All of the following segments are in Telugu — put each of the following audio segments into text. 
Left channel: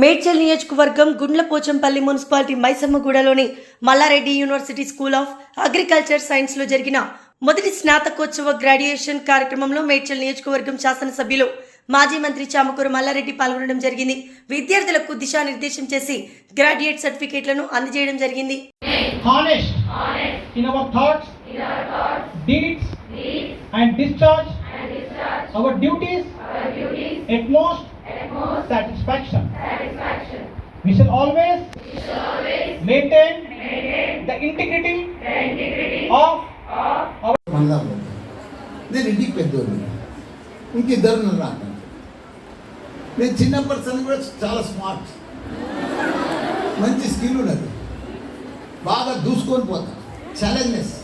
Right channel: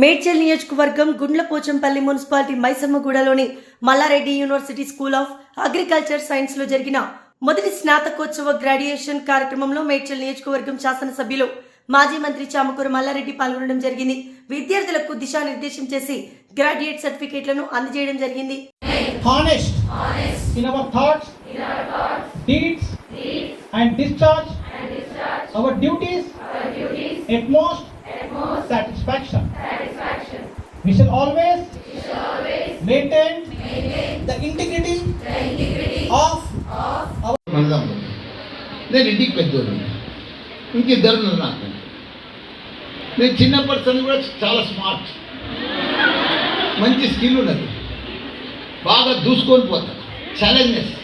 మేడ్చల్ నియోజకవర్గం Gundlapochampally municipality మైసమ్మగూడలోని Mallareddy university school of agriculture సైన్స్లో జరిగిన మొదటి స్నాతకోత్సవ గ్రాడ్యుయేషన్ కార్యక్రమంలో మేడ్చల్ నియోజకవర్గం శాసనసభ్యులు మాజీ మంత్రి చామకూర మల్లారెడ్డి పాల్గొనడం జరిగింది. విద్యార్థులకు దిశానిర్దేశం చేసి గ్రాడ్యుయేట్ సర్టిఫికేట్లను అందజేయడం జరిగింది. Honest, in our thoughts, deeds, and discharge, our duties, at most, satisfaction. We shall always, maintain, the integrity, of our వెళ్దాం నేను ఇంటికి పెద్దోడు ఇంకిద్దరు నాకు నేను చిన్నప్పటి సంది కూడా చాలా స్మార్ట్ మంచి స్కిల్ ఉన్నది. బాగా దూసుకొని పోతా. ఛాలెంజెస్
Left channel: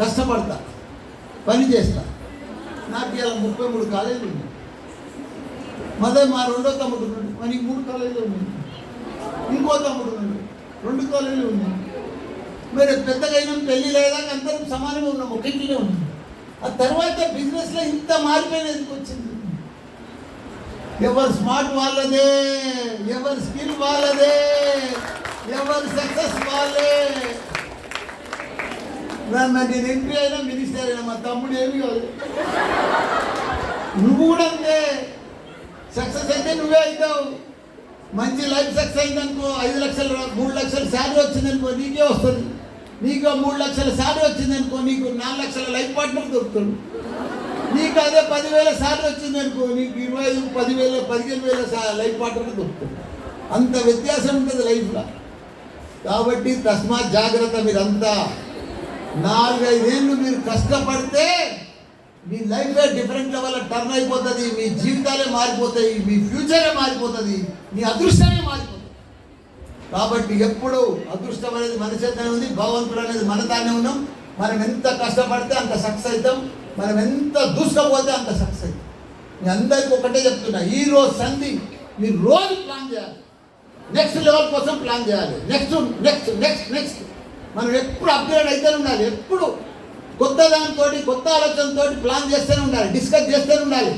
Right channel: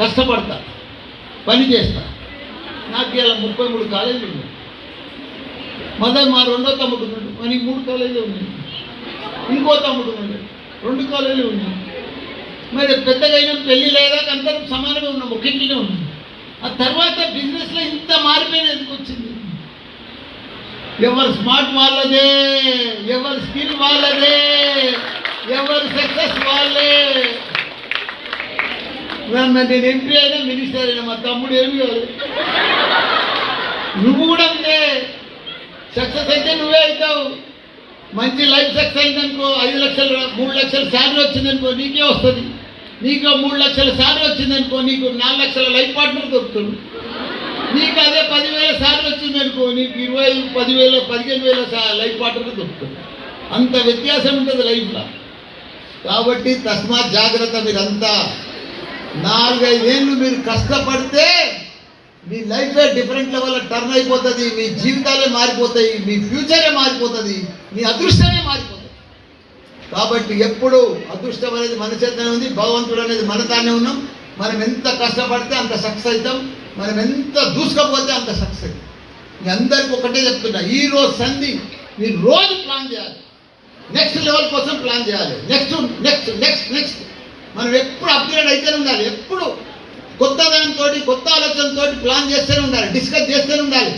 కష్టపడతా. పని చేస్తా. నాకు ఇలా ముప్పై మూడు కాలేజీలు ఉన్నాయి. మళ్ళీ మా రెండో తమ్ముడు ఉన్నాడు. మనకి మూడు కాలేజీలు ఉన్నాయి. ఇంకో తమ్ముడు ఉన్నాడు. రెండు కాలేజీలు ఉన్నాయి. మరి పెద్దగా పెళ్ళి లేదా అందరం సమానంగా ఉన్నాం ఒకేంటినే ఉన్నాం. ఆ తర్వాత బిజినెస్లో ఇంత మారిపోయిన ఎందుకు వచ్చింది? ఎవరు స్మార్ట్ వాళ్ళదే ఎవరి స్కిల్ వాళ్ళదే ఎవరు సక్సెస్ వాళ్ళే. నా- నేను ఎంపీ అయినా మినిస్టర్ అయినా మా తమ్ముడు ఏమి కాదు. నువ్వు కూడా అంతే. సక్సెస్ అయితే నువ్వే అవుతావు. మంచి లైఫ్ సక్సెస్ అయిందనుకో ఐదు లక్షలు మూడు లక్షల శాలరీ వచ్చిందనుకో నీకే వస్తుంది. నీకు మూడు లక్షల శాలరీ వచ్చిందనుకో నీకు నాలుగు లక్షల లైఫ్ పార్ట్నర్ దొరుకుతుంది. నీకు అదే పదివేల శాలరీ వచ్చిందనుకో నీకు ఇరవై ఐదు పదివేల పదిహేను వేల లైఫ్ పార్ట్నర్ దొరుకుతుంది. అంత వ్యత్యాసం ఉంటుంది లైఫ్లో. కాబట్టి తస్మాత్ జాగ్రత్త మీరంతా. నాలుగైదేళ్ళు మీరు కష్టపడితే లైఫే డిఫరెంట్ లెవెల్ టర్న్ అయిపోతుంది మీ జీవితాలే మారిపోతాయి మీ ఫ్యూచరే మారిపోతుంది మీ అదృష్టమే మారిపోతుంది. కాబట్టి ఎప్పుడు అదృష్టం అనేది మన చేతనే ఉంది భగవంతుడు అనేది మన తానే ఉన్నాం. మనం ఎంత కష్టపడితే అంత సక్సెస్ అవుతాం మనం ఎంత దూసుకపోతే అంత సక్సెస్ అవుతాం. మీ అందరికీ ఒకటే చెప్తున్నా ఈ రోజు సంధి మీరు రోజు ప్లాన్ చేయాలి. నెక్స్ట్ లెవెల్ కోసం ప్లాన్ చేయాలి. నెక్స్ట్ నెక్స్ట్ నెక్స్ట్ నెక్స్ట్ మనం ఎప్పుడు అప్గ్రేడ్ అయితేనే ఉండాలి ఎప్పుడు. కొత్త దానితో కొత్త ఆలోచనతో ప్లాన్ చేస్తూనే ఉండాలి డిస్కస్ చేస్తూనే ఉండాలి.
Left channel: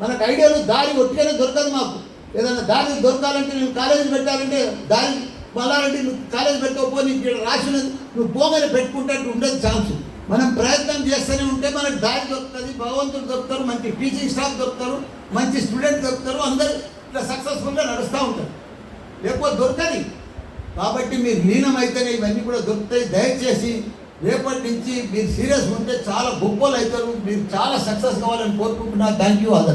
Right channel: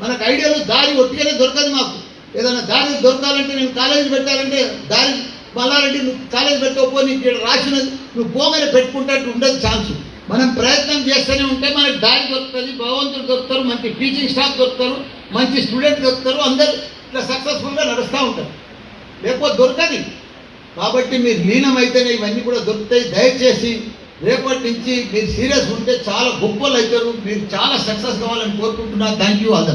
మనకు ఐడియాలు దారి ఒట్టిగానే దొరకదు మాకు. ఏదైనా దారి దొరకాలంటే నేను కాలేజీ పెట్టాలంటే దారి మల్లారెడ్డి నువ్వు కాలేజీ పెట్టకపో నీకు ఇక్కడ రాసినది నువ్వు పోగానే పెట్టుకుంటే ఉండదు ఛాన్స్ మనం ప్రయత్నం చేస్తూనే ఉంటే మనకు దారి దొరుకుతుంది భగవంతుడు దొరుకుతారు మంచి టీచింగ్ స్టాఫ్ దొరుకుతారు మంచి స్టూడెంట్ దొరుకుతారు అందరు ఇట్లా సక్సెస్ఫుల్గా నడుస్తూ ఉంటారు. లేకపోతే దొరకది. కాబట్టి మీరు లీనమైతేనే ఇవన్నీ కూడా దొరుకుతాయి. దయచేసి రేపటి నుంచి మీరు సీరియస్ ఉంటే చాలా గొప్పలు అవుతారు మీరు చాలా సక్సెస్ కావాలని కోరుకుంటున్నా. Thank you other